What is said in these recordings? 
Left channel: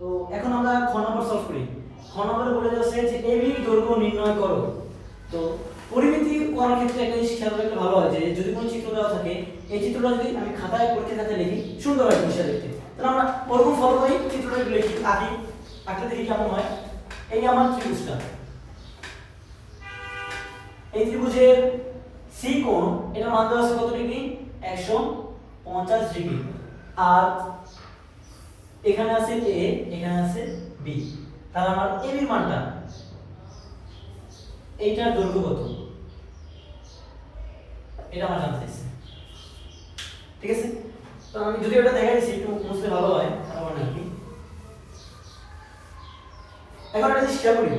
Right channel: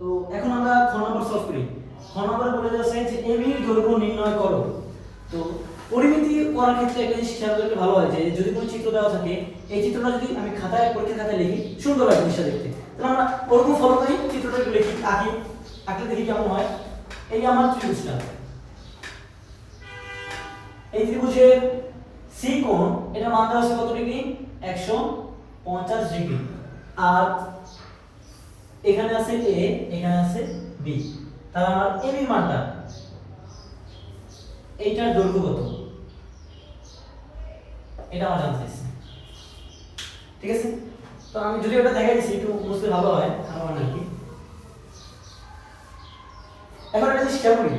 তো এখন আমরা খ নম্বর সলভ করি। খ নম্বর বলে যাচ্ছে যে এবি দৈর্ঘ্য নির্ণয় করো। তো পরিমিতি করার ক্ষেত্রে একটা জিনিস খেয়াল রাখলে ভালো হয় যে যদি কোনো চিত্র দেওয়া থাকে এই চিত্রটা যদি আমি পরীক্ষা খাতায় লিখি সুন্দর হয় জিনিসটা দেখতে। তাহলে আমরা ওরকম ফলো করি, চিত্রটা লিখি আঁকলে দেখি কেমন হয়। এই আমার ত্রিভুজটা, এই ত্রিভুজের সি কোণ এটা মান দেওয়া আছে কত ডিগ্রি? 150 ডিগ্রি। আর এখানে আছে এ, এখানে আছে বি। তাহলে আমার এবি মানটা এইটার দৈর্ঘ্য কত এটা আমার জানতে চাইছি। ঠিক আছে, তো আমি যদি ওটা দেখাই দিচ্ছি একটু বুঝতে ভালো হয় আমার নাকি। এখন একটা জিনিস খেয়াল করি,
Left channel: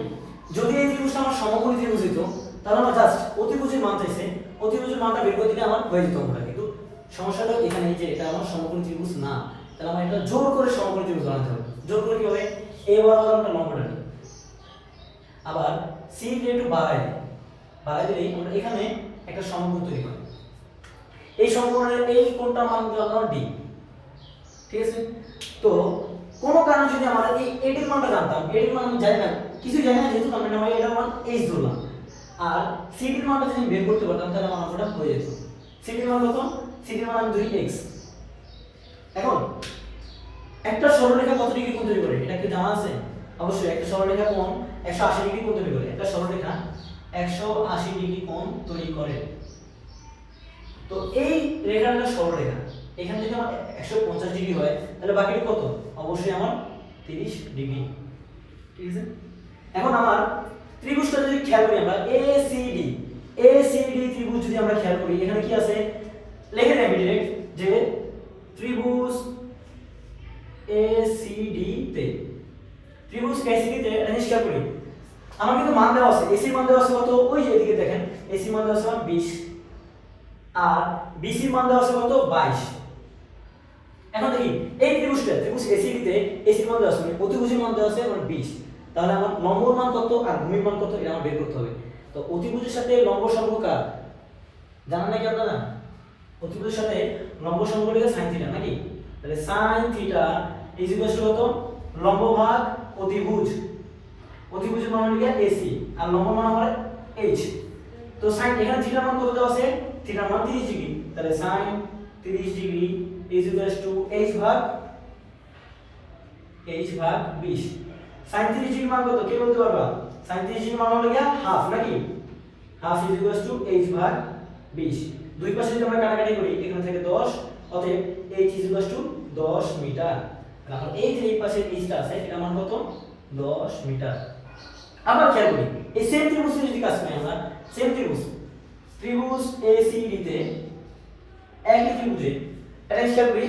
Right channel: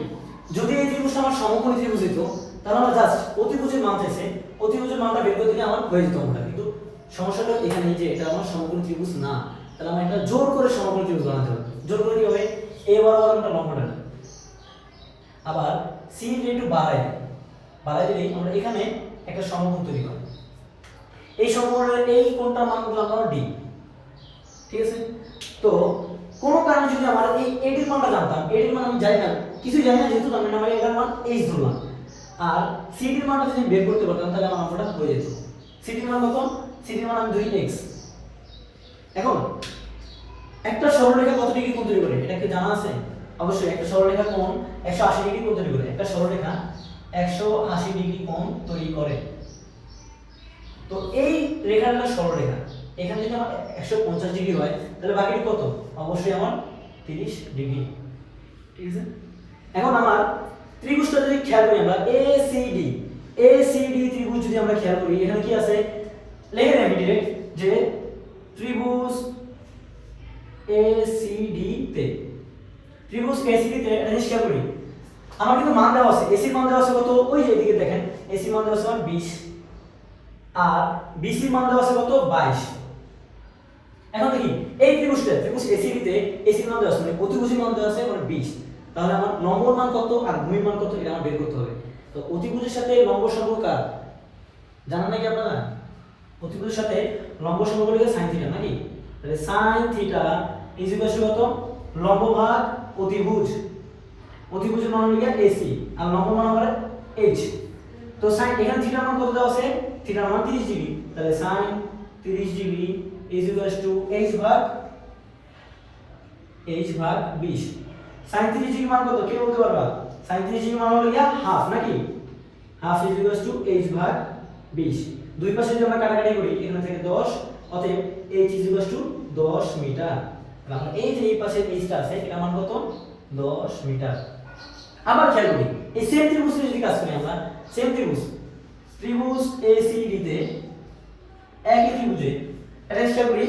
যদি এই ত্রিভুজটা আমার সমকোণী ত্রিভুজ হতো তাহলে আমার জাস্ট অতিভুজের মান চাইছে, অতিভুজের মানটা বের করে দিলে আমার হয়ে যেত ওটা। কিন্তু সমস্যাটা এখানে যে এটা আমার সমকোণী ত্রিভুজ না, তাহলে আমার এটা জোর করে সমকোণী ত্রিভুজ বানাতে হবে। জোর করে কি হবে? এ বরাবর আমরা লম্বটা নিই, আবার সি কে একটু বাড়াই দিলেই আমরা এখানে একটা সমকোণ তৈরি করি। এই সমকোণের এই কোণটার মান দিলাম আমরা ডি। ঠিক আছে, তো কোন কারণে যদি আমার এই এটির মানটা জানতাম, এটির মান আমি জানি না, কিছু জানি না, যেহেতু আমি নামাই এটার মান এইচ ধরলাম, আর সিটির মানটা যদি বের করতে পারতাম তাহলে আমার অঙ্কটা হয়ে যেত। সিটির মান কত? সিটির মান আমি 2x। এখন একটা সরলরেখা কত ডিগ্রি কোণ তৈরি করে এটা কি জানা আছে? অবশ্যই একটা সরলরেখা কোণ 180 ডিগ্রি কোণ তৈরি করে। একটা সরলরেখা 180 ডিগ্রি কোণ তৈরি করে। তো এই রেখাটা সরলরেখা, এখান থেকে আমার 150 ডিগ্রি হয়, তাহলে বাকিটা কত? অবশ্যই আমার 30 ডিগ্রি। ঠিক আছে, এখন আমার ত্রিভুজটা যদি খেয়াল করি আমরা এসিডি ত্রিভুজ যদি আমরা খেয়াল করি, এখানে কি আছে লিখে নেই আমি ডাইরেক্ট যে ত্রিভুজ এসিডি তে জিনিস খেয়াল করি, আমার কিন্তু মান দেওয়া আছে, এসির মান দেওয়া আছে কত? ওই যে এদিকে দেখেন, এসি মান দেওয়া আছে 20 আর বিসি মান দেওয়া আছে কত? 22। এখন দেখি এই ত্রিভুজ এসিডি তে এসির মান দেওয়া আছে মানে অতিভুজের মান দেওয়া আছে মানে 20, তাহলে আমার লম্বর মান কত আর ভূমির মান কত এটা আমার বের করতে হবে। তো অতিভুজের সাথে লম্ব সম্পর্ক কার জানেন নাকি আপনারা? অতিভুজের সাথে লম্ব সম্পর্ক হলো sin থিটা নাকি? তাহলে sin theta is equal two কত? লম্ব ভাগ অতিভুজ। অতিভুজের মান হলো AC আর লম্ব মান আমার h। তো sin এখানে থিটার মান কত দেওয়া আছে? থিটার মান 30 ডিগ্রি, তাহলে sin 30 degree is equal two h ভাগ 20। sin 30 ডিগ্রি মান কত কে বলতে পারবা? sin 30 ডিগ্রি মান হলো হাফ নাকি? Half is equal two h ভাগ 20। দুই পাশে যদি আমরা কাটাকাটি করি এখানে থেকে 10, অতএব h is equal to 10 metre. তাহলে আমরা এই যে এই পাশে hটা আছে এটা মান কত? 10 মিটার। আবার খেয়াল করি এই সেম ত্রিভুজে যদি কাজ করি আমরা, সেম ত্রিভুজ ACD তে একই ত্রিভুজে এটা খেয়াল করি।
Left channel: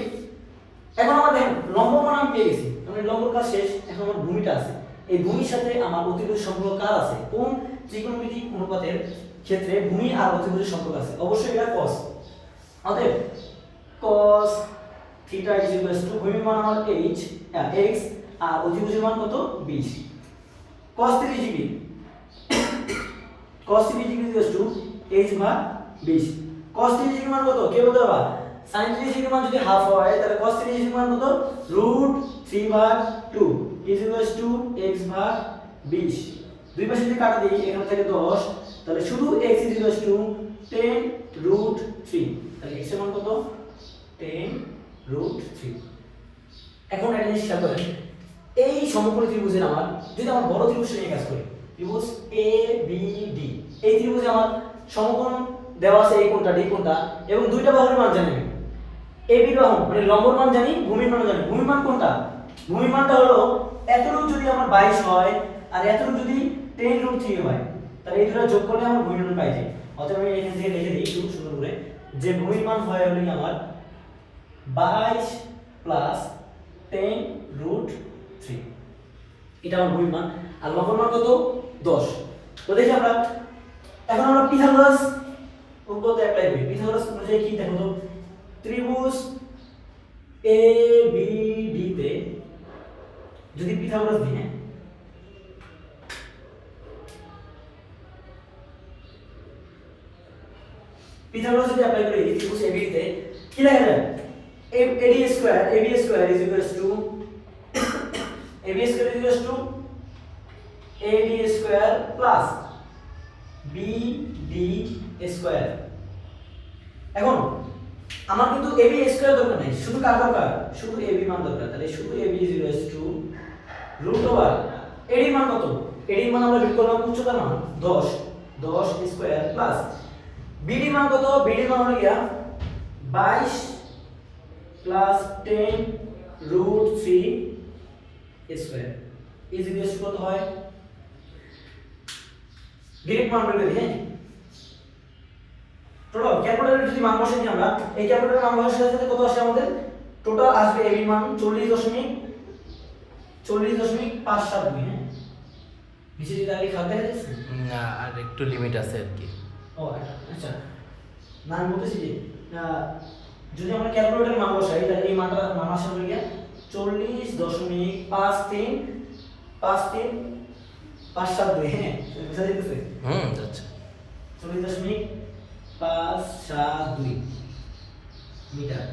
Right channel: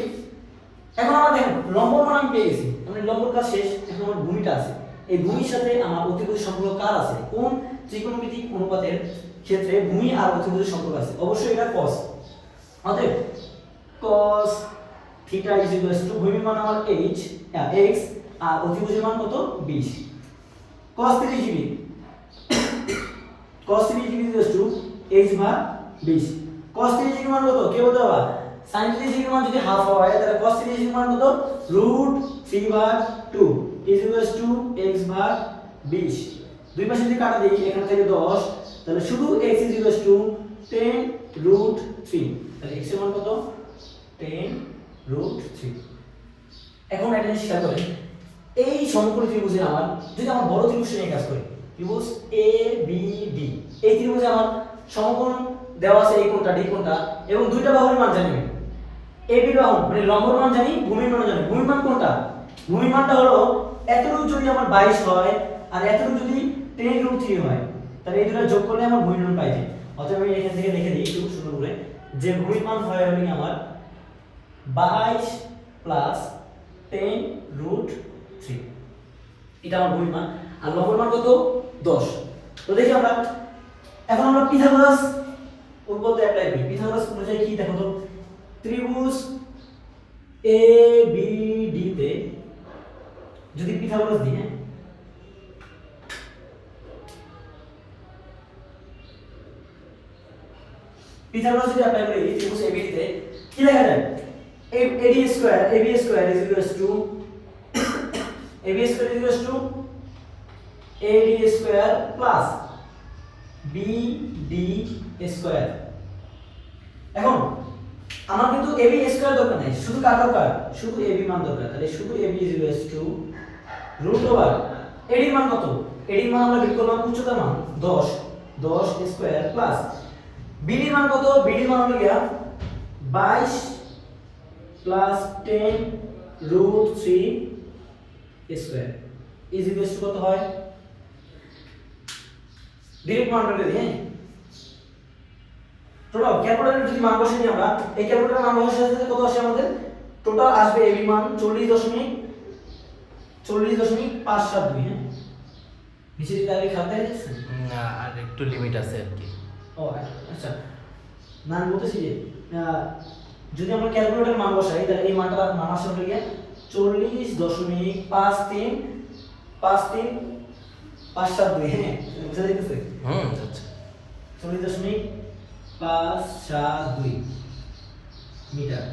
এখন আমরা দেখেন লম্ব মান আমি পেয়ে গেছি, মানে লম্বর কাজ শেষ, এখন আমার ভূমিটা আছে। এই ভূমির সাথে আমার অতিভুজ সম্পর্ক কার আছে? কোন ত্রিকোণমিতিক অনুপাতের ক্ষেত্রে ভূমি আর অতিভুজের সম্পর্ক আছে? অবশ্যই এটা cos। অতএব cos theta is equal two ভূমির মান আমার x আর অতিভুজের মান কত? 20। cos 30 degree is equal two h ভাগ 20। cos 30 ডিগ্রি মান কত কে বলতে পারবা? sin 30 ডিগ্রি মান যদি হাফ হয় তাহলে cos 30 ডিগ্রি মান কত? √3/2 ইজ ইকুয়াল টু x ভাগ 20। দুই পাশে যদি কাটা দেই এখান থেকে 10, তাহলে শুধু x ইজ ইকুয়াল টু 10√3। তাহলে x এর মান কত? 10√3। এখন একটা জিনিস খেয়াল করেন, এই সমকোণী ত্রিভুজের আমার যদি আমার বড় ত্রিভুজ নিয়ে কাজ করি, ত্রিভুজ ABD, এই ত্রিভুজে আমার সমকোণ দেওয়া আছে এই কোণটা ডি কোণটা এবং দুইটা বাহুর মান জানি আমি। AB বাহু মানে লম্বর মান জানি, ভূমির মান জানি। ভূমির মান কোনটা? ভূমির মানটা হলো এতটুকু যদি আমার 22 হয় আর এতটুকু যদি 10√3 হয়, তাহলে এই দুটো যোগ করলে আমার ভূমির মান পাই যায়। অতএব আমি এখান থেকে লিখে দিই একটু সুন্দর করে যে ভূমির মান হয় হলো আমার 22 প্লাস 10√3, এটা আমার ভূমির মান। আর লম্বর মান কত? 10। তো দেখি আমরা এখন আমরা পিথাগোরাস উপপাদ্য অ্যাপ্লাই করি। পিথাগোরাস অনুযায়ী কি দেখো তো, ত্রিভুজ ABD তে যদি পিথাগোরাস দিই, হ্যাঁ পিথাগোরাস যদি অ্যাপ্লাই করি ত্রিভুজ ABD তে কি লেখা যায়? AB square is equal two ab square equals to ad square plus bd square. এখন আমার কিন্তু ab স্কয়ার দরকার নাই, শুধু কার দরকার, শুধু ab মান দরকার। তাহলে শুধু ab equals to root over ad মান কত, ad মান আমরা বের করলাম উচ্চতার মান 10 স্কয়ার প্লাস bd মান কত, bd মান হলো গিয়া 22 plus 10 root 3 square is equals to কত হয়, ডিরেক্ট মান বের করি। হ্যাঁ, টোটাল ক্যালকুলেটরে যদি মান বসাই আমরা, এই ক্যালকুলেটরের মান বসানোর সাথে কত আসে আমাদের, টোটাল আসবে ab মান 40.572। হ্যাঁ, নিচে যদি আগে খাতা হয়ে যাচ্ছে না, আর একটু লিমিট আছে আর কি। ও আচ্ছা, না আমি বলতেছি যে যদি আমরা ক্যালকুলেটর মান বসাই তাহলে এই মানটা মান আসে হলো গিয়া 40.53572। হ্যাঁ, বুঝা যাইতেছে? আচ্ছা 40.572 মিটার।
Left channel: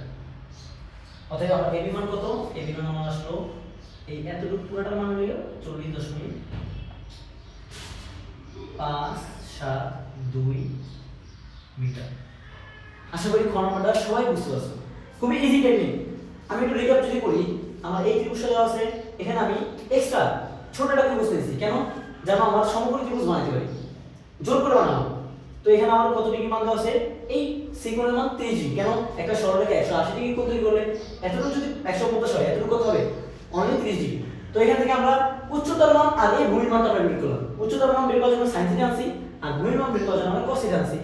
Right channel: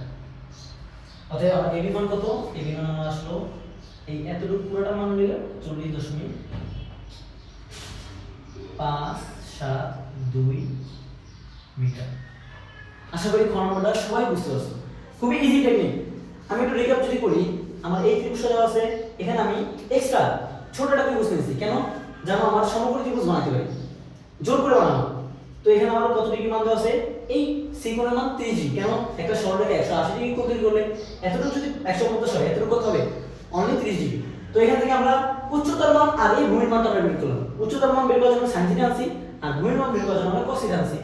অতএব আমার এবি মান কত, এবি মান আসলো এই এতটুকু পুরোটা মান হলো 40.572 মিটার। আশা করি খ নম্বরটা সবাই বুঝতে পারছো, খুবই ইজি টেকনিক। আমি একটু রিক্যাপ যদি করি, আমার এই ত্রিভুজটা দেওয়া আছে, এখানে আমি এক্সট্রা ছোট একটা ত্রিভুজ নিয়েছি, কেন যেন আমার সমকোণী ত্রিভুজ বানাতে পারি, জোর করে বানাবো। তো এখানে আমার কত ডিগ্রি মান দেওয়া আছে, এই সেকোণের মান 30 ডিগ্রি। কেন, একটা সরলরেখা 180 ডিগ্রি কোণ তৈরি করলে এতটুকু যদি 150 হয়, এতটুকু কত হবে, অনলি 30 ডিগ্রি। তো এখান থেকে আমরা উচ্চতার মান আর এই ভূমির মানটা বের করলাম। উচ্চতার মান বের করার জন্য sin থিটা আনছি, আর ভূমির মান বের করার জন্য আমরা cos থিটা আনছি।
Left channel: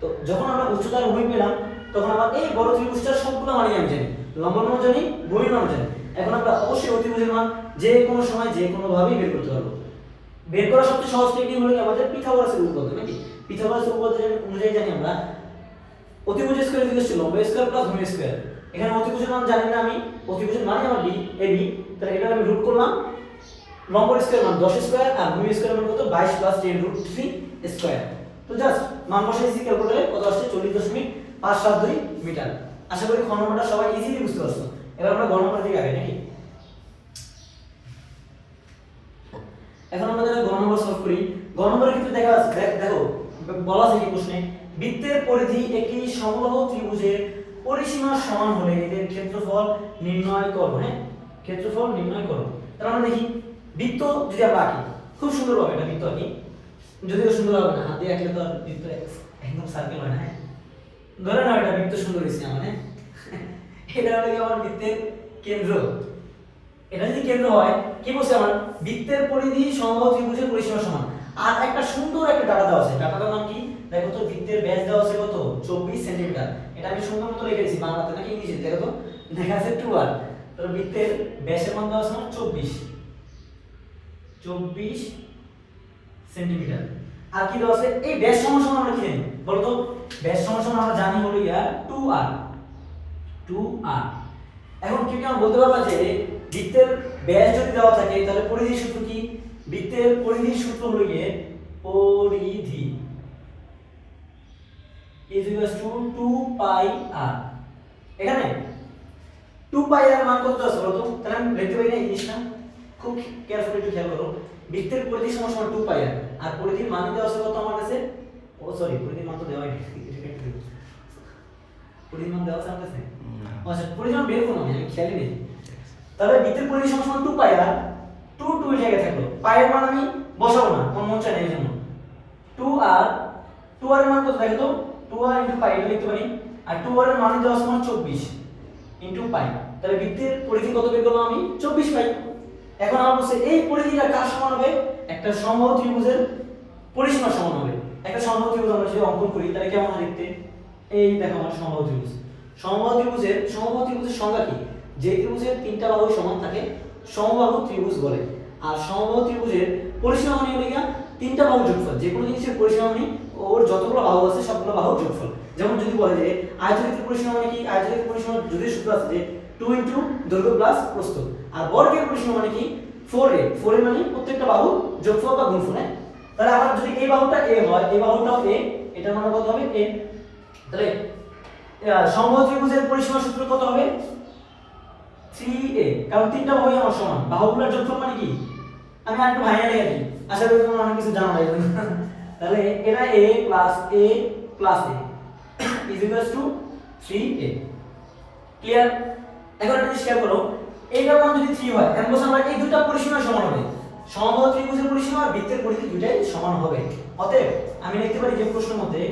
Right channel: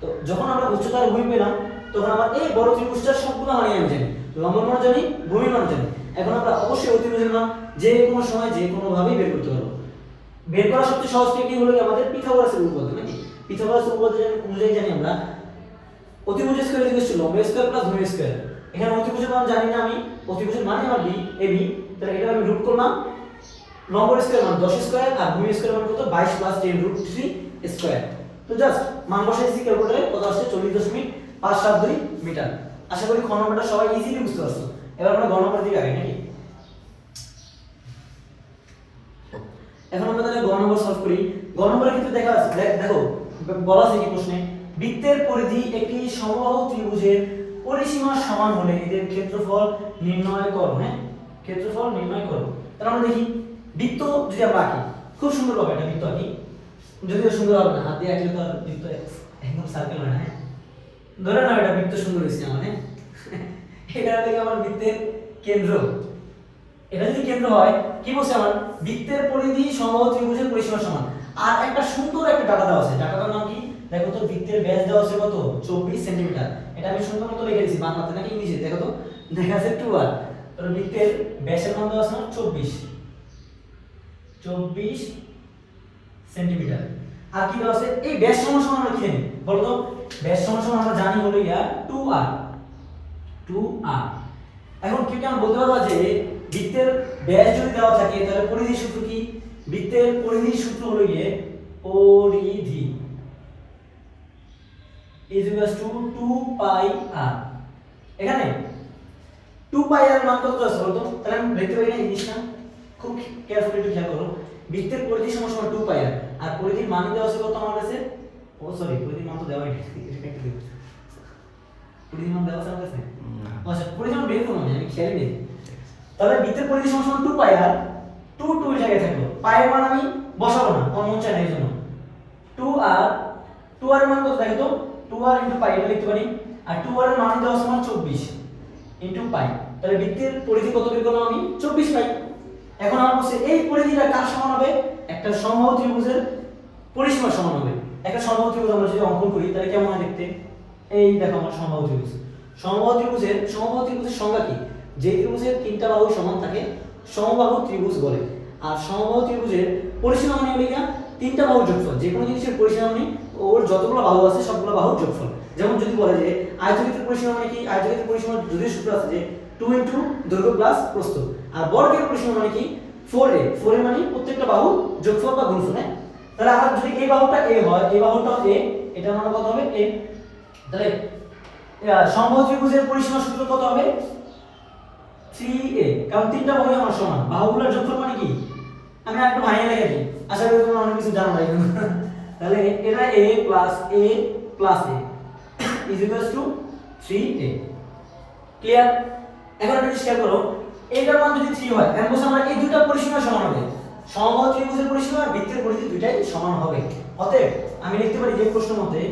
তো যখন আমরা উচ্চতার ভূমি পেলাম, তখন আমরা এই বড় ত্রিভুজটার সবগুলো মান আমি জানি, লম্ব মান জানি, ভূমির মান জানি। এখন আমরা অবশ্যই ওই ত্রিভুজের মান যে কোনো সময় যে কোনো ভাবেই বের করতে পারবো। বের করার সবচেয়ে সহজ টেকনিক হলো আমাদের পিথাগোরাসের উপপাদ্য, নাকি পিথাগোরাসের উপপাদ্য অনুযায়ী জানি আমরা অতিভুজ স্কয়ার ইকুয়াল টু লম্ব স্কয়ার প্লাস ভূমি স্কয়ার। এখানে অতিভুজের মান জানি না আমি, অতিভুজের মানে আমার বি এবি, তাহলে এটা আমি রুট করলাম, লম্ব স্কয়ার মান 10 স্কয়ার আর ভূমি স্কয়ার মান কত 22 প্লাস 10 রুট 3 স্কয়ার। তো জাস্ট মান বসাইছি ক্যালকুলেটরে, কত আসছে 40.572 মিটার। আশা করি খ নম্বরটা সবাই ইজিলি বুঝতে পারছো। এবার আমরা গ নম্বরের দিকে আগে, নাকি এখন আমরা তাহলে গ নম্বর সলভ করি। গ নম্বরে কিন্তু দেখা আছে, দেখো বলা আছে কি প্রশ্নে, বৃত্তের পরিধি একটি সমবাহু ত্রিভুজের পরিসীমা সমান হলে এদের ক্ষেত্রফল নির্ণয় করো। হ্যাঁ, ক্ষেত্রফল নির্ণয় করো। তাহলে আমরা দেখি বৃত্ত যদি আমরা আঁকি, খুব সুন্দর ভাবে একটা বৃত্ত আঁকি, যদিও সুন্দর হবে না, হাত দিয়ে আঁকলে তো আর বৃত্ত একদম সার্কেল হয় না। হ্যাঁ, ধরে নাও এটা বৃত্ত সুন্দর হয়েছে আমার। হ্যাঁ, এটা হলো আমার বৃত্তের কেন্দ্র। এটা যদি কেন্দ্র হয়, কি বলছে আমার, বৃত্তের পরিধি সমবাহু ত্রিভুজের পরিসীমা সমান। আর একটা সুন্দর একটা ডাটা দেওয়া আছে, ডাটাটার নাম কি, দেখো তো, বৃত্তের ব্যাস দেওয়া আছে কত, 24 সেন্টিমিটার। এটা আমি সুন্দর মতো লিখে দিয়েছি বাংলাতে নাকি ইংলিশে, দেখো তো, দেখা আছে 2r। তাহলে বৃত্তের ব্যাসের মান দেওয়া আছে 24 সেন্টিমিটার। আর কি দেওয়া আছে, এই ব্যাস সমান সমান আমরা কি জানি বলো তো, ব্যাস সমান সমান আমরা জানি হলো ইয়া 2r। এখন কি আমরা বলতে পারবা যে বৃত্তের ব্যাস যদি দেওয়া থাকে তাহলে পরিধির সূত্র কি, বৃত্তের পরিধির সূত্র হলো গিয়ে পরিধি is equals to 2 pi r। এখানে 2 pi r মান কত আছে বলতো, তাহলে আমি লিখতে পারি না এই জিনিসটা, খুব কেয়ারফুলি একটু খেয়াল করো। বৃত্তের পরিধি সমান সমান 2 pi r, আর পরিধির মান দেওয়া আছে কত আমার কাছে, ও সরি পরিধির মান তো দেওয়াই নেই, পরিধির মান দেওয়া আছে আমার কাছে, আচ্ছা পরিধির মান বের করব আমি খেয়ালই নেই। তাহলে বৃত্তের পরিধি সমান সমান 2 pi r, 2 এর জায়গায় থাকলো, পাই এর মান আমি বসাবো না, আমার মন চায় না, এইজন্য 2r, 2r এর মান কত দেখো তো, 2r * পাই এটা লিখতে পারি, আর 2r এর মান দেওয়া আছে আমার 24 * পাই। তাহলে বৃত্তের পরিধি কত বের করলাম আমি, 24 পাই। এখন আমার বলছে এই পরিধিটা কার সমান হবে, একটা সমবাহু ত্রিভুজের পরিসীমা সমান হবে। একটা সমবাহু ত্রিভুজ আমরা যদি অঙ্কন করি তাহলে কেমন হয় দেখতে, এই দেখো আমার সমবাহু ত্রিভুজ। সমবাহু ত্রিভুজের সংজ্ঞা কি, যে ত্রিভুজের তিনটা বাহু সমান থাকে সমবাহু ত্রিভুজ বলে। আর সমবাহু ত্রিভুজের পরিসীমা মানে হলো তিনটা বাহুর যোগফল, যে কোনো জিনিসের পরিসীমা মানে ওর যতগুলো বাহু আছে সবগুলো বাহুর যোগফল। যেমন যদি বলে যে আয়তক্ষেত্রের পরিসীমা মানে কি, আয়তক্ষেত্রের পরিসীমা যদিও সূত্র আছে যে 2 * দৈর্ঘ্য প্লাস প্রস্থ। আর বর্গের পরিসীমা মানে কি 4a, 4a মানে প্রত্যেকটা বাহু যোগফল বা গুণফল। হ্যাঁ, তাহলে আমার যদি এই বাহুটা a হয়, এই বাহুটাও a, এটা মানে কত হবে a। তাহলে সমবাহু ত্রিভুজের পরিসীমা সূত্র কত হবে, 3a, কারণ তিনটা বাহুই আমার সমান, বাহুগুলোর যোগফল মানে কি, আমি আরেকটু ভাঙিয়ে লিখে দিই, আশা করি তোমরা অনেক কিছু জানো না এই জন্য। তাহলে এটা a plus a plus a is equals two 3a। Clear? এখন একটা জিনিস খেয়াল করো, এইটার মান যদি 3 হয় এখন বলছি আমরা এই দুটো পরিসীমা সমান হবে, সমবাহু ত্রিভুজের পরিসীমা আর বৃত্তের পরিধি দুটাই সমান হবে। অতএব আমি লিখতে পারি যে প্রশ্ন মতে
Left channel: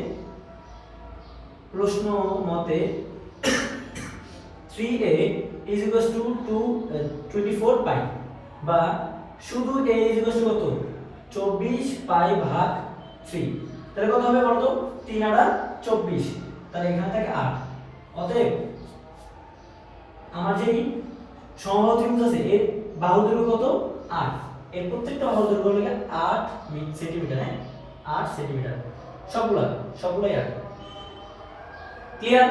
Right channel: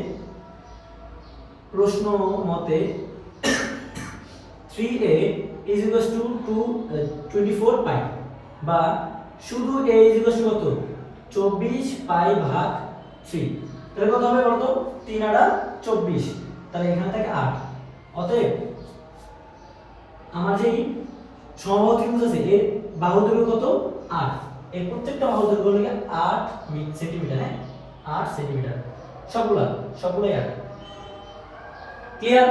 3a is equals to 24 পাই, বা শুধু a is equals to কত 24 পাই ভাগ 3। তাহলে কত হবে বলতো, 3 আর 24, তাহলে এখান থেকে 8। অতএব আমার যেই সমবাহু ত্রিভুজ আছে এর বাহু দৈর্ঘ্য কত 8, এর প্রত্যেকটা বাহু দৈর্ঘ্য হলো 8 সেন্টিমিটার, হ্যাঁ 8 সেন্টিমিটার, সবগুলাই 8। ক্লিয়ার?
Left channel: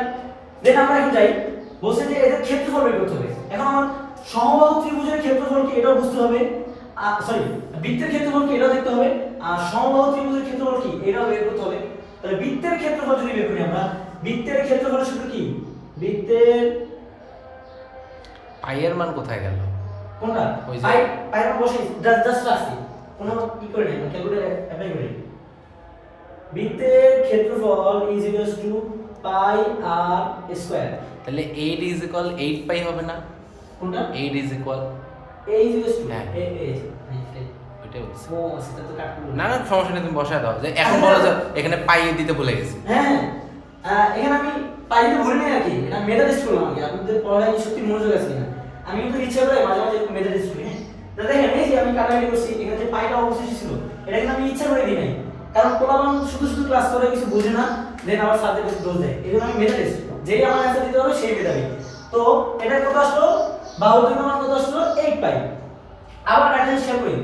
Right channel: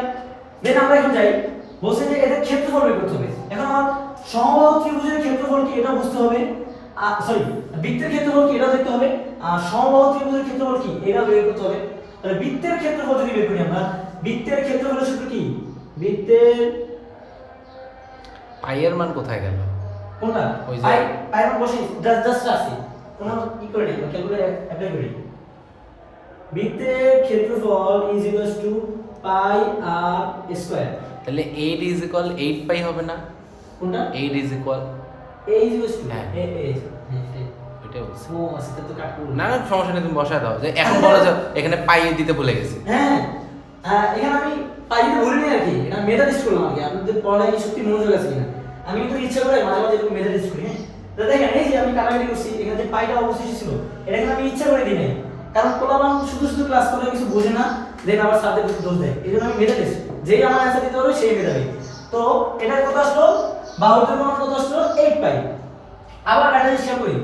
দেন আমরা এখন যাই, বলছে যে এদের ক্ষেত্রফল বের করতে হবে। এখন আমার সমবাহু ত্রিভুজের ক্ষেত্রফল কি এটাও বুঝতে হবে, সরি বৃত্তের ক্ষেত্রফল কি এটাও দেখতে হবে, আর সমবাহু ত্রিভুজের ক্ষেত্রফল কি এটাও বের করতে হবে। তাহলে বৃত্তের ক্ষেত্রফল যদি বের করি আমরা, বৃত্তের ক্ষেত্রফলের সূত্র কি, বৃত্তের পাই এর মান কোথায় গেল? কোনটা ওই যে পাই মান বসে জাস্ট আসি, কোনো কি করে নেই, ক্যালকুলেটর অ্যাপ্লাই করি। বৃত্তের ক্ষেত্রফল is equals to pi r square. তাহলে 8 ইজ ইকুয়াল 8 পাই হবে না? কোনটা 8 is equal a is equals two হ্যাঁ। হ্যাঁ ওইটাই বলছি। ও আছে, তা তো কাট করব না না সমস্যা নেই, তুমি বসায় দাও, যে এখন বলো যে এখানে পাই দিতে ভুলে গেছি। হ্যাঁ এখানে আমি পাই দিতে ভুলি নাই আর কি, এটা মেথড করলাম আর কি, আপনাদের পড়ায় কি সত্যি মনোযোগ আছে কিনা, আমি কিন্তু ইচ্ছা করে মাঝে মাঝে এরকম মেথড করি। হ্যাঁ তো দেখেন এই যে আমি কাটাকাটি করছি, এখানে যে পাইটা অবশিষ্ট ছিল এটা কিন্তু আমি ইচ্ছা করে দিই নাই, কারণ কোলাবান শুধু ক্লাস করে কিছু বোঝে না, দেন আবার সাবজেক্ট দোষ দেয়, এই জন্য আমি মেথড যেই আমার অ্যান্সার দিতে হবে সেই মেথডই। তো এটা কত আসলো, বাহুর দৈর্ঘ্য মান কত আসলো 8 পাই। আবার একটা হিসাব করি,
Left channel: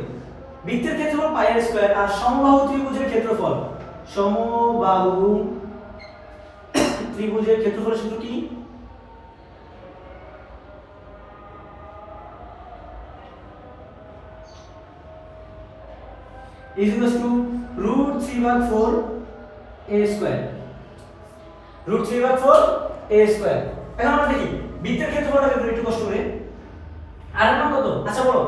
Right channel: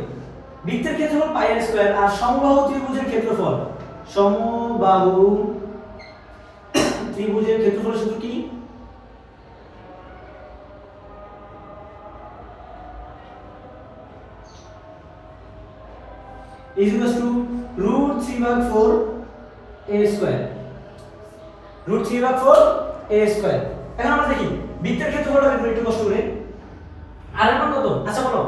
বৃত্তের ক্ষেত্রফল পাই আর স্কয়ার, আর সমবাহু ত্রিভুজের ক্ষেত্রফল, সমবাহু ত্রিভুজের ক্ষেত্রফলের সূত্র কি, is equals to √3/4 a square, √3/4 a square. এখন আমরা দেখি বৃত্তের ক্ষেত্রফলটা বের করি একটু কষ্ট করে। আর এর মান কত, আচ্ছা বলো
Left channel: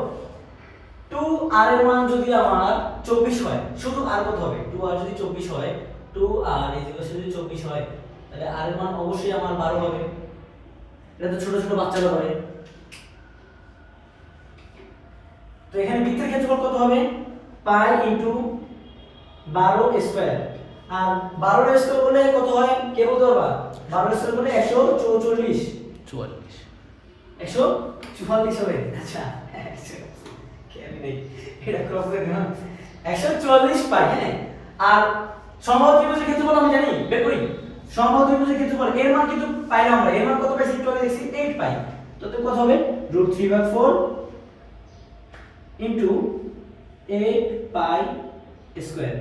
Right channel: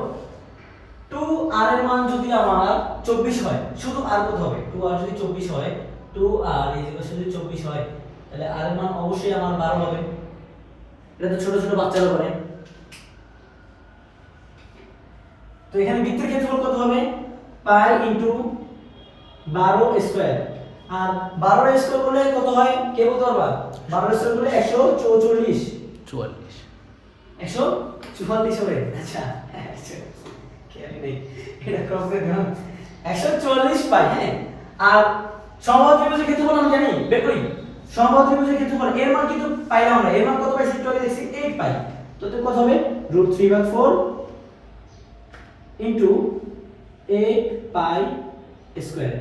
2r এর মান যদি আমার 24 হয়, শুধু r কত হবে, 2r যদি 24 হয়, 2r যদি 24 হয়, তাহলে r এর মান অবশ্যই আমার 12 হবে। এটা তো ছোট ছোট বাচ্চারা করে। তো এখানে বৃত্তের ক্ষেত্রফল কত হবে, পাই ইনটু 12 স্কয়ার, আর 12 স্কয়ার করলে কত হয় কে বলতে পারবা, 12 স্কয়ার করলে 144, 144 হবে। আচ্ছা খেয়ালই নেই, এটা ক্রপ করে দিলাম, 144 পাই। হ্যাঁ আর সমবাহু ত্রিভুজের ক্ষেত্রফল আমি জানি বের করি, সমবাহু ত্রিভুজের ক্ষেত্রফল এর মান কিন্তু পাইলাম আমরা, এর মান কত পাইছি একটু আগে দেখছি 8 পাই, তো কত হবে √3/4 ইনটু 8 পাই স্কয়ার,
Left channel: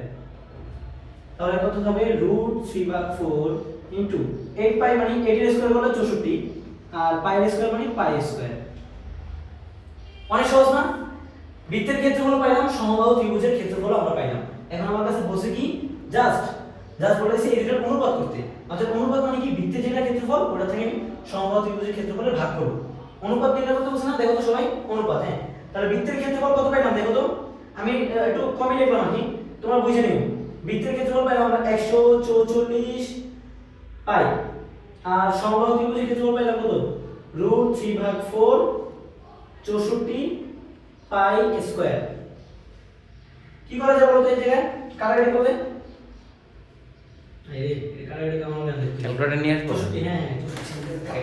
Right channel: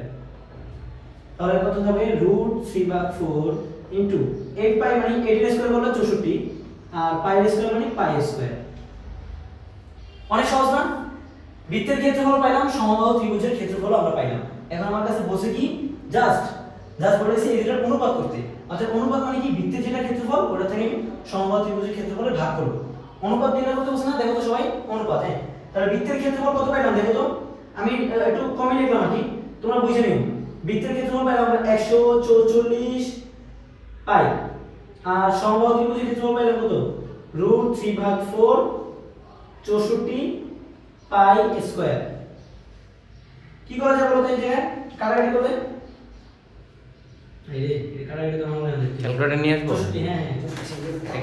তাহলে কত হবে √3/4 ইনটু 8 পাই মানে 8 এর স্কয়ার করলে 64, আর পাই এর স্কয়ার মানে পাই স্কয়ার। অনেক সহজ না? বৃত্তের ক্ষেত্রফল পাইলাম, সমবাহু ত্রিভুজের ক্ষেত্রফল আমরা পাইলাম। এখন আমার কাছে বসে কি জাস্ট বলেছি এই দুটোর অনুপাত করতে, অর্থাৎ অনুপাত মানে কি, বৃত্তের যেটা ক্ষেত্রফল ওটা থেকে আমি সমবাহু ত্রিভুজের ক্ষেত্রফলে ভাগ করব। অনুপাত নির্ণয় করতে বলছি না, দেখো তো সবাই অনুপাত। হ্যাঁ তাহলে বৃত্তের ক্ষেত্রফল কত পাইলাম দেখো তো, আমি একটু কমই লিখলাম আর কি, তোমরা বুঝে নিও। বৃত্তের ক্ষেত্রফল পাইলাম আমরা 144 পাই, আর সমবাহু ত্রিভুজের ক্ষেত্রফল পাইলাম কত, √3/4 64 পাই স্কয়ার। কি করা যায় বলতো, এই জায়গায় কাটাকাটি করবে, এই কাটাকাটি তো আমরা ক্যালকুলেটর নিয়ে আসবো। 64, হ্যাঁ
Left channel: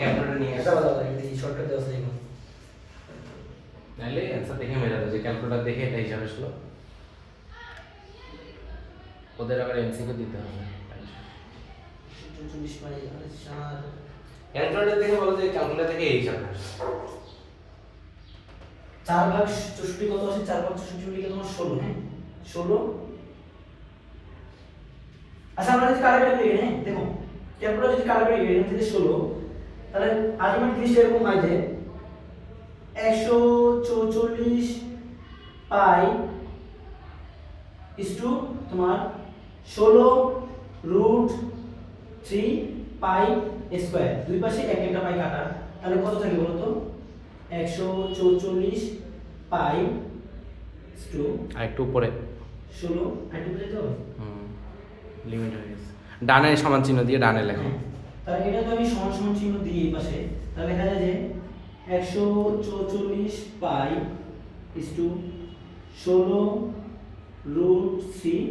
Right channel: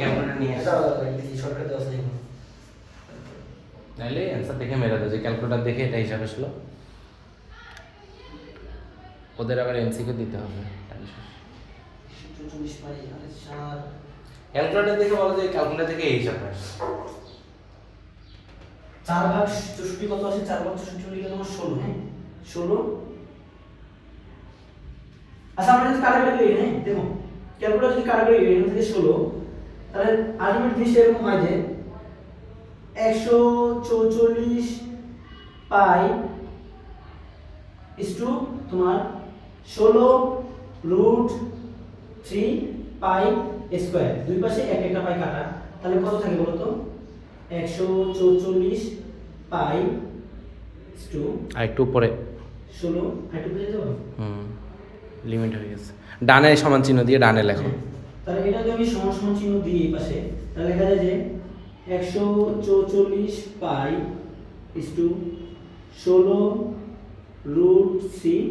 ক্যালকুলেটর নিয়ে আসবো, দাও দেখি শর্টকাট দাও নাই, তাহলে অ্যান্সার দেখে মেলা দাও, যে ক্যালকুলেটর দেখে এটা হিসাব আসলো, ওদের আবার এমসিকিউ দিতে হবে। 44 পাই আর 4, ক্যালকুলেটর দেখে বলো যে ক্যালকুলেটর দেখে এই হিসাব আসে। 4/64 কত আসে, 4/64 লিখে তোমার 16, হ্যাঁ 16। আচ্ছা আমরা যদি কাটাকাটি করি, হ্যাঁ দেখো ক্যালকুলেটর যদি কাটাকাটি করি এখান থেকে 16, তাহলে আলটিমেট জিনিসটা এরকম হয় যে 144 পাই ইস টু তোমার 16√3 পাই স্কয়ার, দুই পাশে এক একটা পাই কাটা, তাহলে কত থাকে বলো তো, 144 পাই টু আর একটু উপরে 16 হাইট উপরে যাবো। লিমিট হয়ে গেছে। ডানে সমান চিহ্ন দিয়ে ডানে লেখো। তাহলে এটা যদি আমি সমান সমান চিহ্ন দিই এই পাশে, তাহলে লেখা যায় যে 144 পাই is to 16 root 3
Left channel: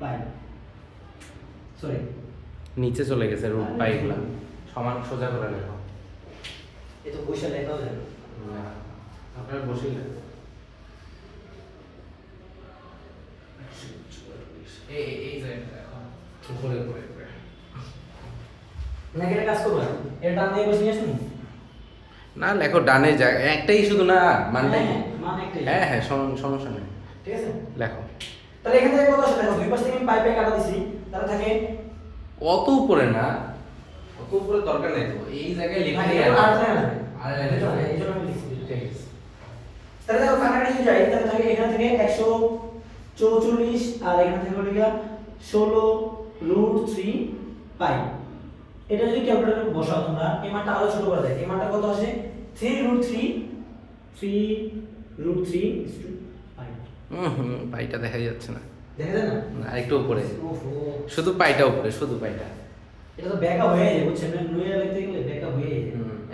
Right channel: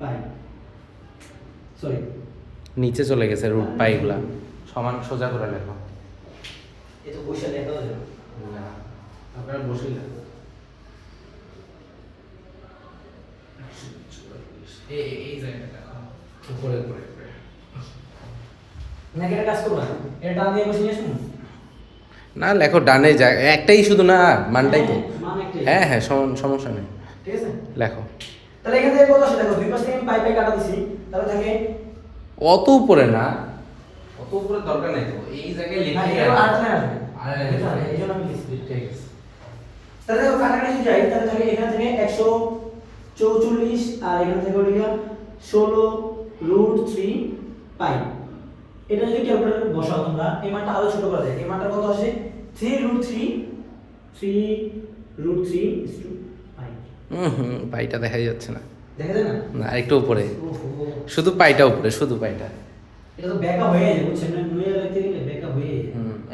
pi. Sorry, নিচে চলে গেছে রুট পাইগুলা। সমান সোজা করে লেখো। এ তো পয়সা লেখাও যায় না। আপনার বসে লেখো। এই জায়গাটা লেখো। উপরে উপরে উপরে। না এটা কাজ করবা, এটা ডান দিয়ে বসে নিয়ে আসুন। না লেখো ডানে যায়, একটাই শুধু না মানটাই তো। মান একটাই। হ্যাঁ হ্যাঁ সমস্যা নেই, ঠিক আছে। লেখো। তাহলে এখান থেকে কত আসে দেখো, দুই পাশ থেকে আমি পাই পাই কাটা দিছি, তাহলে থাকে অত উপরে না, অত উপরে দরকার নেই তো, এই জায়গায় না, লিখে এটা আর না আসবে। আর এটা না, এই জন্য আমি লিখছি। ঠিক আছে। তাহলে দেখো কাটাকাটি যাই, তাহলে থাকে এখান থেকে 144 আর এখান থেকে হলো গিয়া 16 রুট 3 পাই। এটা যদি ক্যালকুলেটরে বসাও তোমরা, এই মানটা আরো ছোট করে দেয়। এই মানটা কত আসে? 3 রুট 3 ইজ টু পাই। পাইটা দেখা যাচ্ছে না। দেখা যায় না? না একটু উপরে, ওহো, শুধু পাইটা উপরে, শুধু পাইটা। এটা তো ব্যাকা হয়ে যায়, বুঝছেন না? নুইয়া লিখতে গেলে ব্যাকা হয়ে যায়।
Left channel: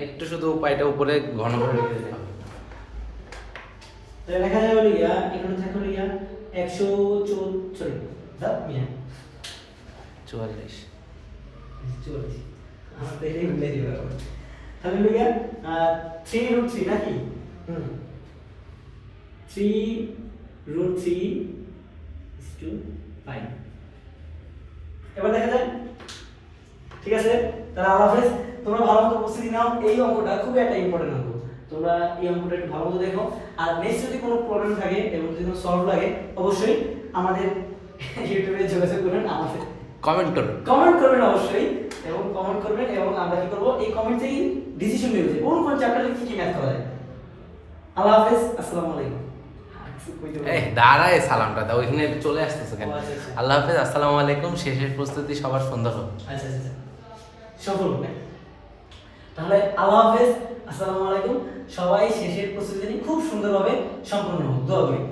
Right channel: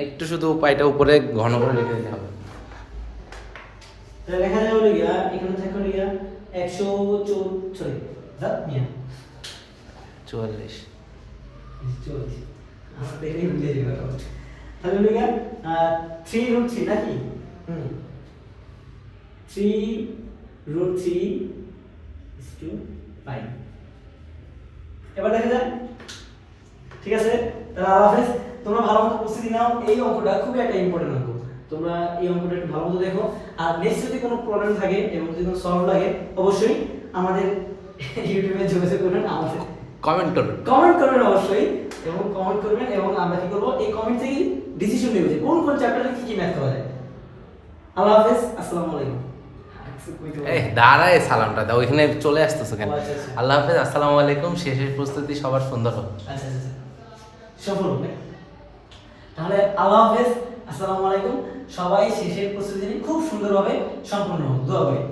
একটু শুধু পাইটা উপরে ঘন করে লিখে দিতে হবে। তাহলে লেখা যায় হলো গিয়া, এখানে থাকে হলো গিয়া 104 সরি দা মিয়া 44 44 আমার দেরি হয়ে যাবে। তাহলে হলো গিয়া 3 রুট 3 নাকি? 3 রুট 3 ইজ টু পাই। এবার দেখা যায়, ঠিক আছে। তাহলে আল্লাহ হাফেজ, তোমরা ভালো মতো প্রস্তুতি নাও। এই অঙ্কটা খুবই একটা ইম্পর্টেন্ট অঙ্ক, তোমরা এই অঙ্কটা একটু ভালো মতো দেখো। আর নেক্সট যদি কোনো প্রবলেম থাকে এবং যদি কোনো সলভ লাগে, অবশ্যই আমাদের ইউটিউবে যোগাযোগ করবেন, আমাদের কমেন্ট করুন। কমেন্ট করবেন অবশ্যই, এবং কমেন্ট করবেন, এবং আমরা কি করব, এই কমেন্ট থেকেই ডিসিশন নেব যে কোন কোন চ্যাপ্টারে কি কি ম্যাথ করা যায়। আল্লাহ হাফেজ, আসসালামু আলাইকুম। এই দাঁড়ায় সালামটা দাও, ওইখানে চলে আসতেছো কেন? আচ্ছা, আচ্ছা। আল্লাহ হাফেজ, আসসালামু আলাইকুম। শেষের প্রস্তুতি সবার সুন্দর হোক। আচ্ছা আচ্ছা, সফল হবে। তাহলে আল্লাহ হাফেজ, আসসালামু আলাইকুম। সবাই শেষের প্রস্তুতি নিয়ে খুব সুন্দরভাবে সম্পন্ন হোক, দোয়া করি।